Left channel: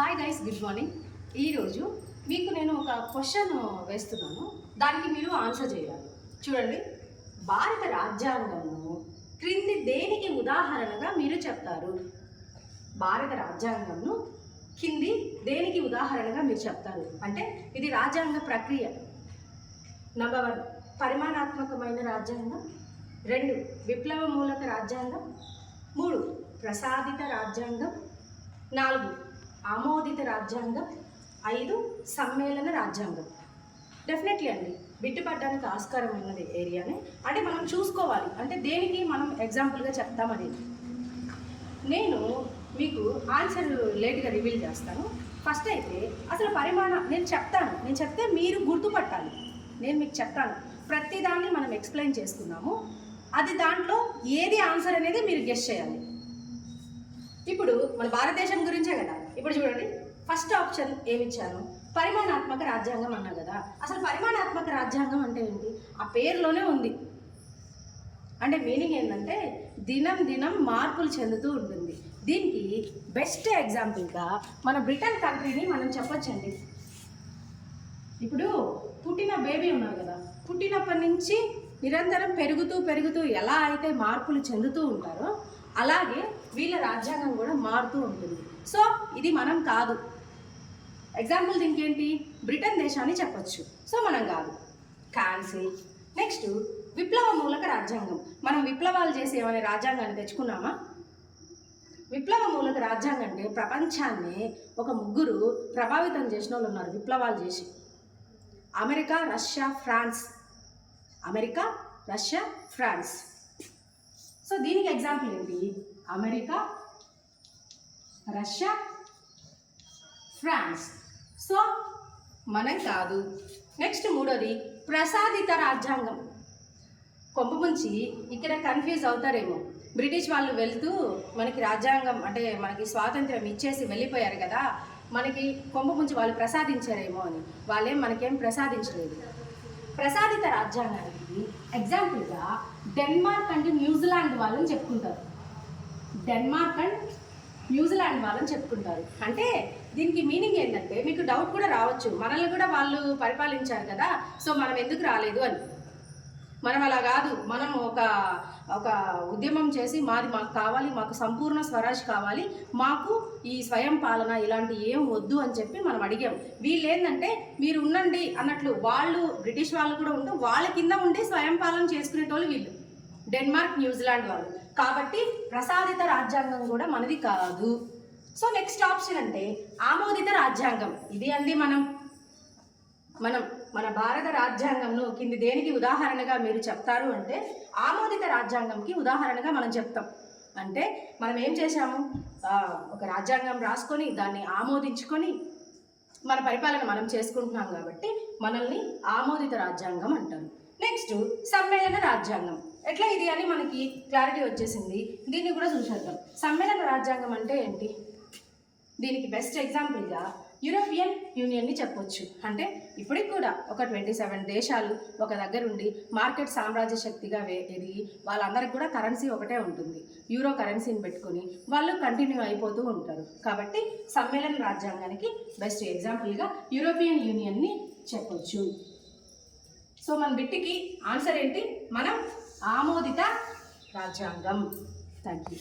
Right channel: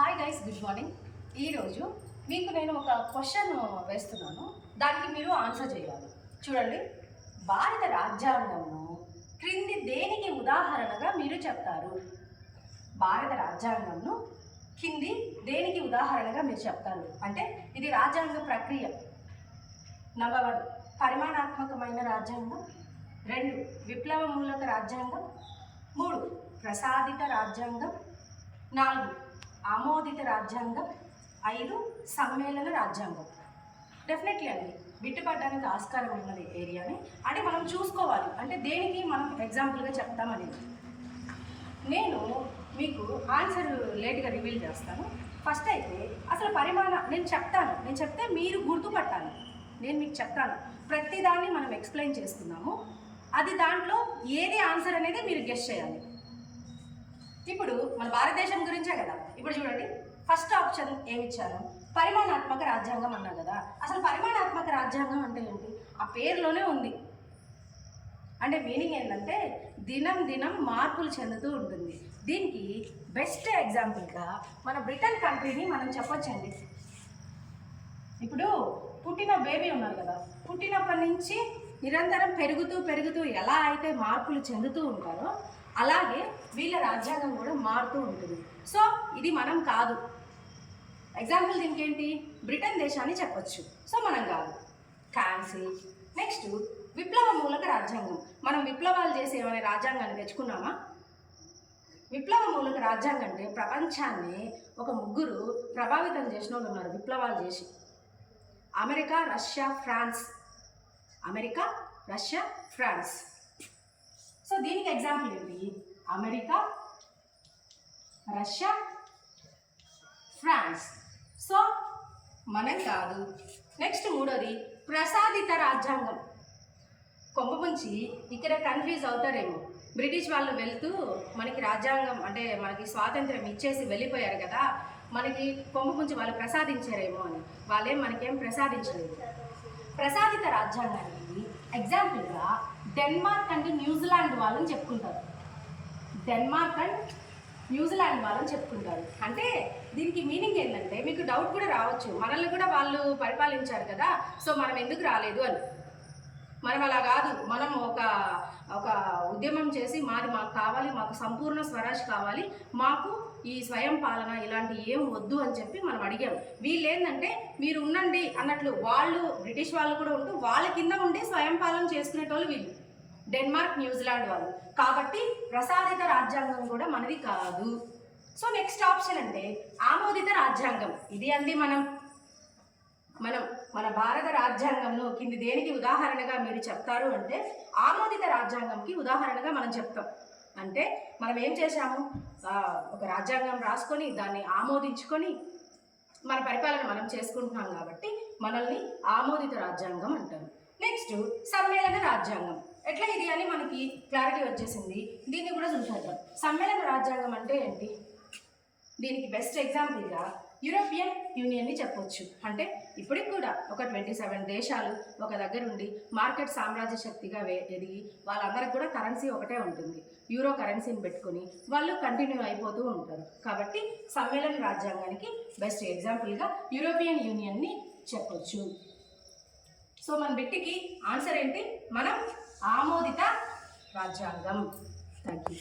Hi guys, good morning. ఈరోజు మీకు నేను ఒక క్వశ్చన్ వేస్తున్నాను, దానికి మీరు ఆన్సర్ చేయాలి. చూడండి, భారత రాజ్యాంగంను క్రింది దేనికి ఉదాహరణగా మీరు చెప్తారు? భారత రాజ్యాంగంను కింది దేనికి ఉదాహరణగా మీరు చెప్తారు అంటే ఇది రాజ్యాంగ ప్రక్రియ. నంబర్ 1 పరిమాణాత్మకమైన రాజ్యాంగం, 2 విప్లవ మూలక రాజ్యాంగం, 3 ప్రసాదిత రాజ్యాంగం, 4 ఆమోదిత రాజ్యాంగం, 5 సమ్మేళన రాజ్యాంగం. డెఫినెట్లీ అండి, బిట్టుపడడానికి ఆస్కారం ఉన్నది ఏరియాని. అంటే మనం చూసుకోవాలి, అంటే దేనికి మనం ఎగ్జాంపుల్గా చెప్తామని. నేను మీకు ఆన్సర్ లేట్గా రివీల్ చేస్తాను. ఫస్ట్ అయితే అసలు నేను చెప్తే మీరు గుర్తుపట్టాలి. నేను మీకు చెప్తాను, ప్రతిదాన్ని మనం ఎక్స్ప్లెయిన్ చేసుకున్నాము. అది దాంట్లో ఏది ఆన్సర్ అనేది మీరు గెస్ చేయాలి. ఇప్పుడు మన భారతదేశం గురించే కదా. ఇప్పుడు చూడండి, ఫస్ట్ ఆప్షన్ ఏమిచ్చాను? పరిమాణాత్మక రాజ్యాంగం అన్నా కదా. అసలు పరిమాణాత్మక రాజ్యాంగం అంటే ఏంటి? ఆ పేరులోనే ఉంది. అంటే మీనింగ్ ఏంటంటే దినం మార్పులు చెందుతూ ఉంటుంది. దీనికి బెస్ట్ ఎగ్జాంపుల్గా మన బ్రిటన్ కంట్రీని మనం చెప్పొచ్చండి. ఇప్పుడు పుట్టిన బేబీ ఉన్నారు కదా, పుట్టినప్పటి నుంచి నిరంతరం పెరుగుతూ ఎలా అయితే మార్పులు చెందుతూ ఉంటారో అలాగే వీళ్ళ రాజ్యాంగం కూడా మారుతూ ఉంటుంది. సో ఇది మనం కాదు. ఎగ్జాంపుల్ దీనికి ఏంటి? బ్రిటన్ దేశాన్ని చెప్పొచ్చు. సో మనం కాదు, క్యాన్సిల్. నెక్స్ట్ విప్లవ మూలక రాజ్యాంగం. మనం విప్లవాలు చేసి ఏమైనా రాజ్యాంగాన్ని తెచ్చుకున్నామా? విప్లవ మూలక రాజ్యాంగం అంటే ప్రపంచాన్ని ఒక 3 ప్రభావితం చేసిన వాళ్ళు ఉన్నారు విప్లవాలు చేసి. America, Russia, France. సో దీనికి ఎగ్జాంపుల్ ఏంటి? America, Russia, France. సో మనం కాదు. నెక్స్ట్ 3వది ప్రసాదిత రాజ్యాంగం. కొంపముంచి ఇక్కడ కన్ఫ్యూజ్ అవుతారేమో. బ్రిటిష్ వాళ్ళు వెళ్తూ మనకి రాజ్యాంగం అంటే మనకి స్వాతంత్రం ఇచ్చేసి వెళ్ళిపోయారు కదా, మనకి కొంపముంచి వాళ్ళు ప్రసాదించారేమో అని. వాళ్ళేం మనకేం ప్రసాదించలేదు. ప్రసాదిత రాజ్యాంగానికి ఎగ్జాంపుల్గా డెన్మార్క్ అండ్ న్యూజిలాండ్ వాళ్ళని చెప్పుకుంటారు. అంటే దీనికి మీనింగ్ ఏంటంటే మీకు డౌట్ కూడా రావచ్చు, మనల్ని కూడా వాళ్ళు పరిపాలించారు కదా, సో మనం ఎందుకు రాలేదు అని. మనం అలా కాదు. మనం ఒక ఉద్యమం చేసి మాకు కావాలి, మాకు సంపూర్ణ స్వరాజ్ కావాలి, మాకు ఈ స్వయం పాలన ఇలాంటి ఏం వద్దు అని చెప్పి మనం అడిగాం. వీళ్ళు ఏంటంటే మీరు ఉండండి అన్నట్లు, వాళ్ళు బ్రిటిష్ వాళ్ళు కూడా ఉంటూ వాళ్ళ కింద ఉండి స్వయం పాలన చేసుకునేటోళ్ళు వీళ్ళు, డెన్మార్క్, న్యూజిలాండ్ వాళ్ళు. కాబట్టి ప్రసాదిత రాజ్యాంగం కూడా మనది కాదు. సో నెక్స్ట్ ఆప్షన్ అంటే ఆమోదిత రాజ్యాంగం. ఇది అండి మనం మన భారత రాజ్యాంగంను కింది దేనికి ఉదాహరణగా మీరు చెప్తారు అంటే ఆమోదిత రాజ్యాంగంకి ఉదాహరణగా మనం చెప్తాం. అంటే మనం ఏం చేశాము? ఒక రాజ్యాంగం రాసుకొని దాన్ని ఆమోదించుకొని మన పరిపాలన మనం చేసుకుంటున్నాం కాబట్టి మనల్ని ఆమోదిత రాజ్యాంగం అంటారు. నెక్స్ట్ సమ్మేళన రాజ్యాంగం. ఎట్లా ఇది అని మనకి క్లారిటీ వచ్చేసింది. దీన్ని కూడా చూసేద్దాం. సమ్మేళన రాజ్యాంగం అంటే ఏంటి? దీనికి బెస్ట్ ఎగ్జాంపుల్గా యూరోపియన్ యూనియన్ని చెప్పొచ్చు. అంటే ఇప్పటికి కూడా ఒక 27 దేశాలు ఒక దగ్గర ఉండి మార్కెట్ సామ్రాజ్య శక్తిగా ఎదిగి వాళ్ళందరికీ కూడా కరెన్సీ ఒకటే ఉంటుంది. యూరో కరెన్సీని పెట్టుకొని వాళ్ళు కంటిన్యూ అయిపోతూ ఉంటారు. కాబట్టి సమ్మేళన రాజ్యాంగానికి బెస్ట్ ఎగ్జాంపుల్గా యూరోపియన్ యూనియన్ని చెప్పొచ్చు. సో మన బిట్టికి ఆన్సర్ ఏంటి? మనం ఆమోదిత రాజ్యాంగం. Thank you.